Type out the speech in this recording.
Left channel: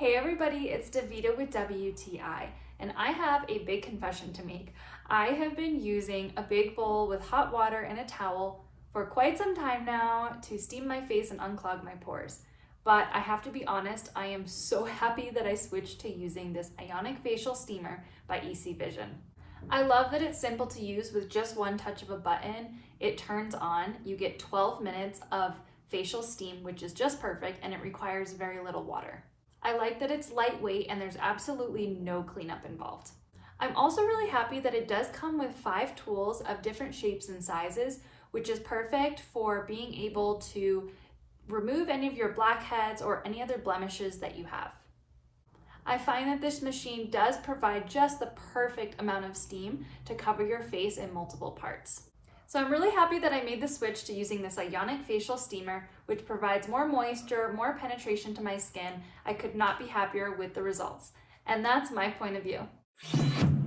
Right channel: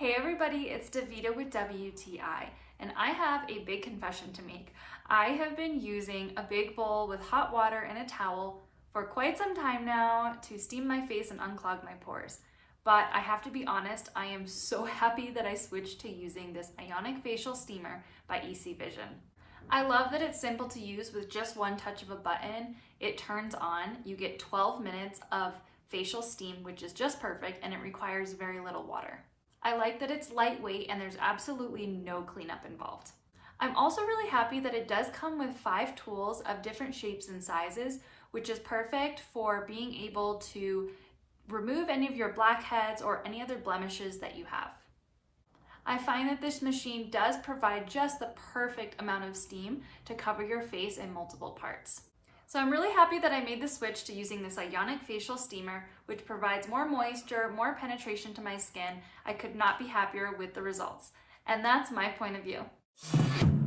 Hey everybody, it's Davida with WTI, and I have a big confession to make. I have been using a big bowl with hot water and a towel for quite some time now to steam my face and unclog my pores. But I have to be honest, I am so happy that I switched to using this ionic facial steamer by EC Vision. I love that it's simple to use with just one touch of a button. It turns on, you get 12 minutes of facial steam, which is just perfect, and it requires very little water. I like that it's lightweight and there's absolutely no cleanup involved. I'm also really happy that it does come with 5 tools of different shapes and sizes, which is perfect for being able to remove any of your blackheads or any other blemishes that you have. I find that this machine does provide just the perfect amount of steam to cover your face in multiple parts. So I'm really happy that I made the switch to using this ionic facial steamer, which provides more moisture, more penetration to my skin. I could not be happier with the results. And that's my point of view.